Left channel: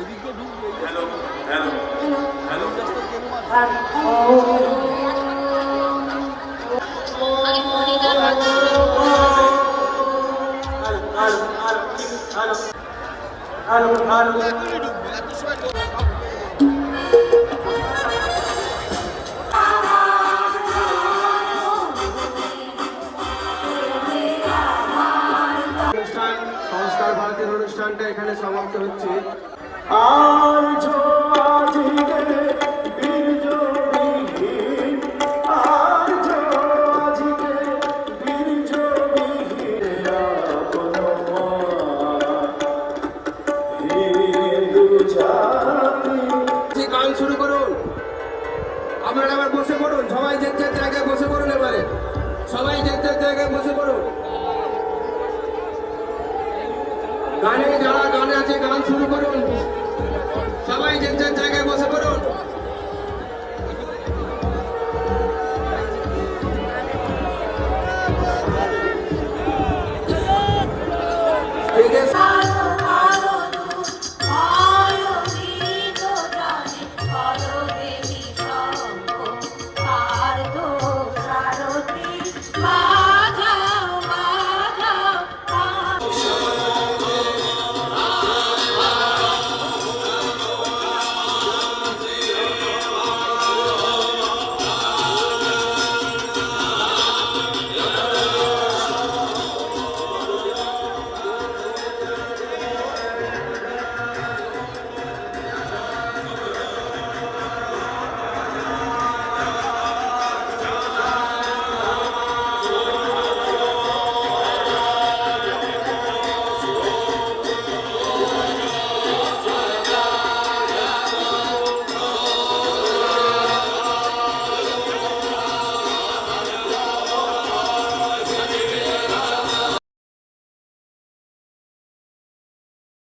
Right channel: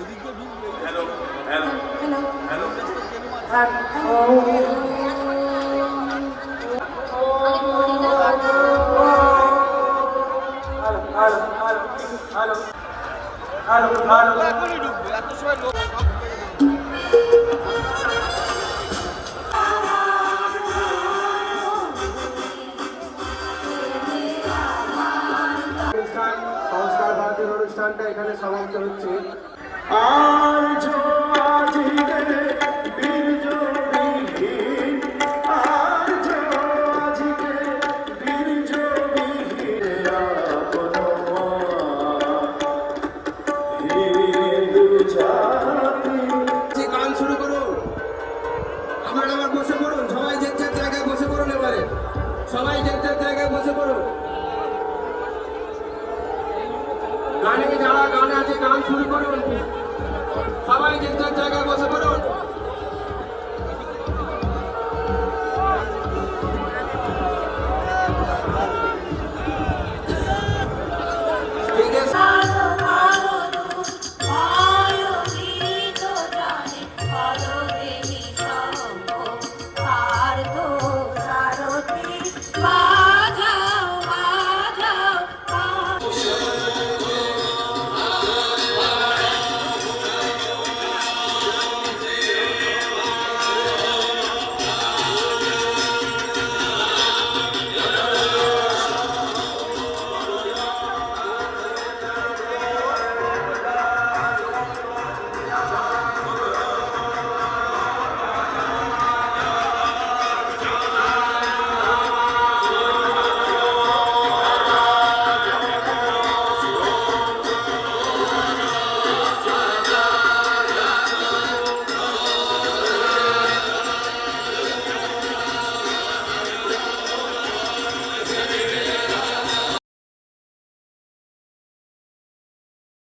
Hello hello hello সংস্কার ভারতীয় অনুষ্ঠানটা এখানে সমাপ্ত হচ্ছে। গান শুরু করুন, আপনারা এবার বসে পড়ুন, সবাই যে যার জায়গায় বসে পড়ুন, এবারে সবাই যে যার জায়গায় বসে পড়ুন। গানে যারা গান আছে গান শুরু করুন।